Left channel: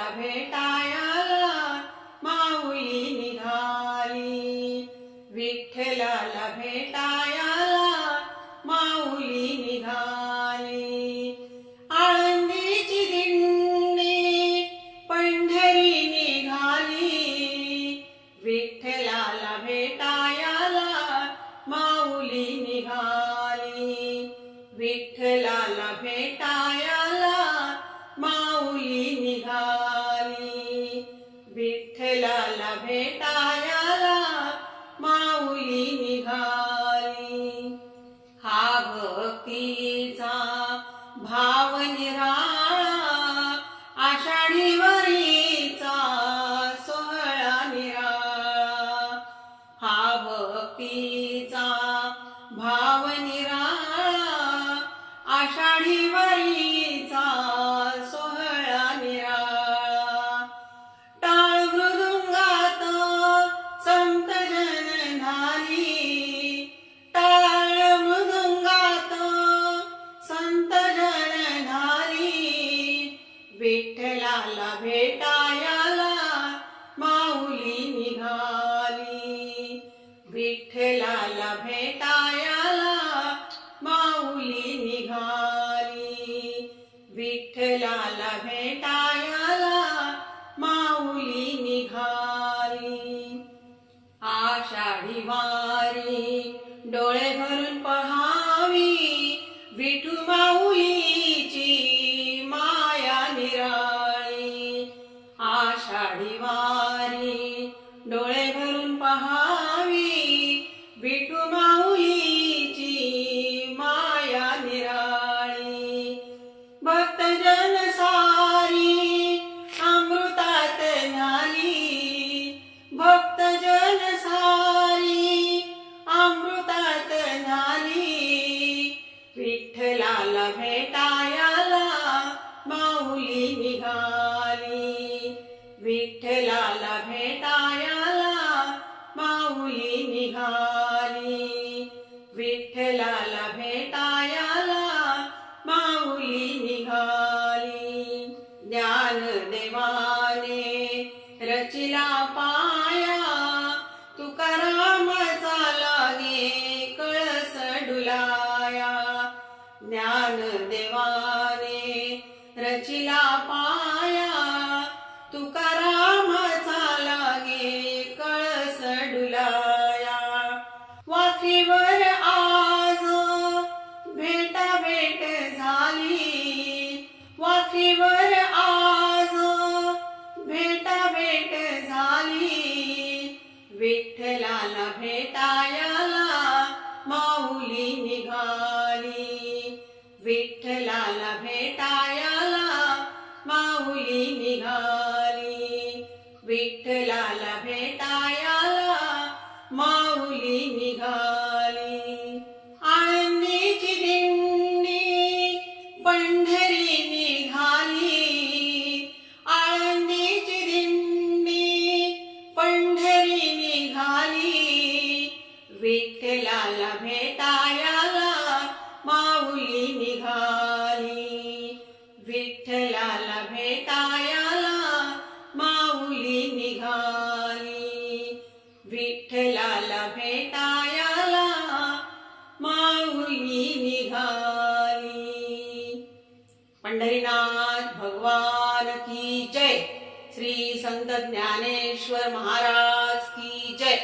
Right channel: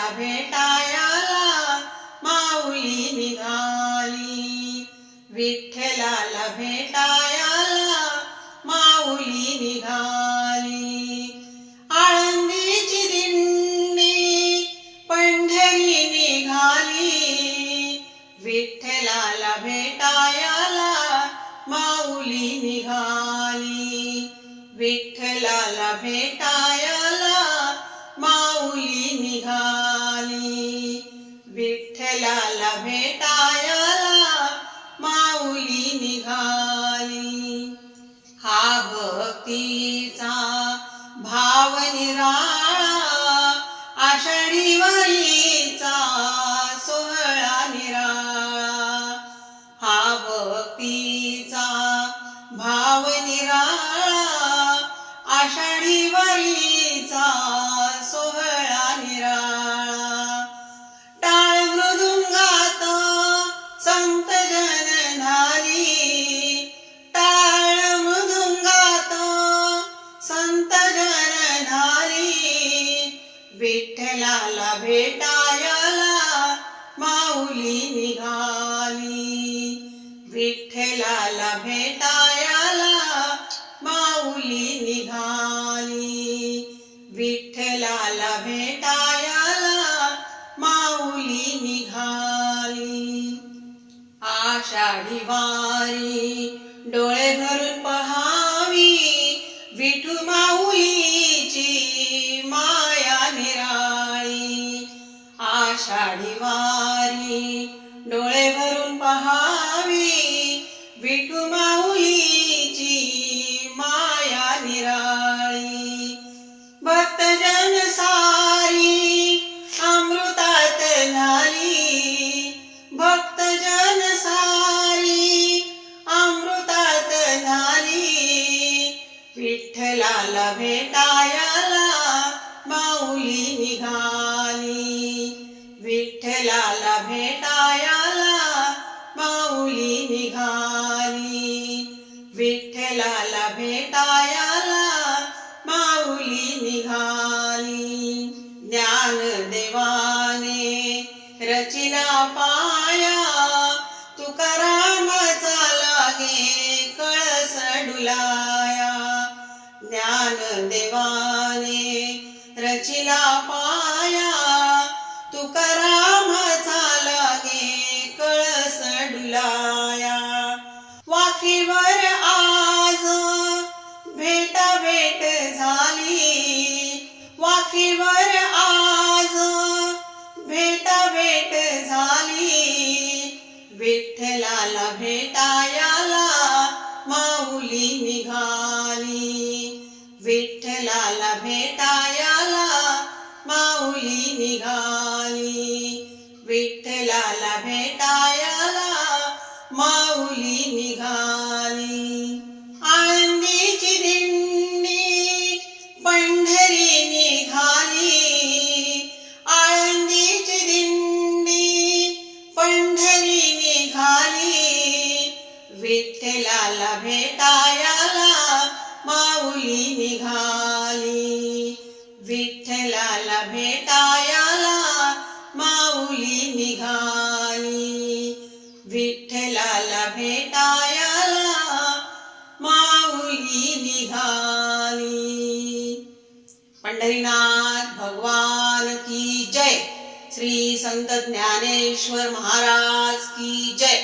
विठ्ठलाला भेटायाला माऊली निघाली, विठ्ठलाला भेटायाला माऊली निघाली. आळंदीची दिंडी पंढरी निघाली, विठ्ठलाला भेटायाला माऊली निघाली, विठ्ठलाला भेटायाला माऊली निघाली, विठ्ठलाला भेटायाला माऊली निघाली. हा भक्तीचा भाव निराळा, आषाढी वारीचा सोहळा निराळा. हा भक्तीचा भाव निराळा, आषाढी वारीचा सोहळा निराळा. टाळ मृदुंगात संत जन झाली, टाळ मृदुंगात संत जन झाली, विठ्ठलाला भेटायाला माऊली निघाली, विठ्ठलाला भेटायाला माऊली निघाली, विठ्ठलाला भेटायाला माऊली निघाली. आषाढी वारी डोळे भरून पहावी, विठू माऊलीची माया निराळी. आषाढी वारी डोळे भरून पहावी, विठू माऊलीची माया निराळी. भक्तजन सारी अमृतात झाली, भक्तजन सारी अमृतात झाली, विठ्ठलाला भेटायाला माऊली निघाली, विठ्ठलाला भेटायाला माऊली निघाली, विठ्ठलाला भेटायाला माऊली निघाली. ज्ञानदेवाने रचिला पाया, तुकारामाचा लागे कळस डुलाया. ज्ञानदेवाने रचिला पाया, तुकारामाचा लागे कळस डुलाया. वाखीवर आज भेटा भेट झाली, वाखीवर आज भेटा भेट झाली, विठ्ठलाला भेटायाला माऊली निघाली, विठ्ठलाला भेटायाला माऊली निघाली, विठ्ठलाला भेटायाला माऊली निघाली. आळंदीची दिंडी पंढरी निघाली, आळंदीची दिंडी पंढरी निघाली, विठ्ठलाला भेटायाला माऊली निघाली, विठ्ठलाला भेटायाला माऊली निघाली, विठ्ठलाला भेटायाला माऊली निघाली. पंढरीनाथ भगवान की जय. श्री संत ज्ञानेश्वर महाराज की जय.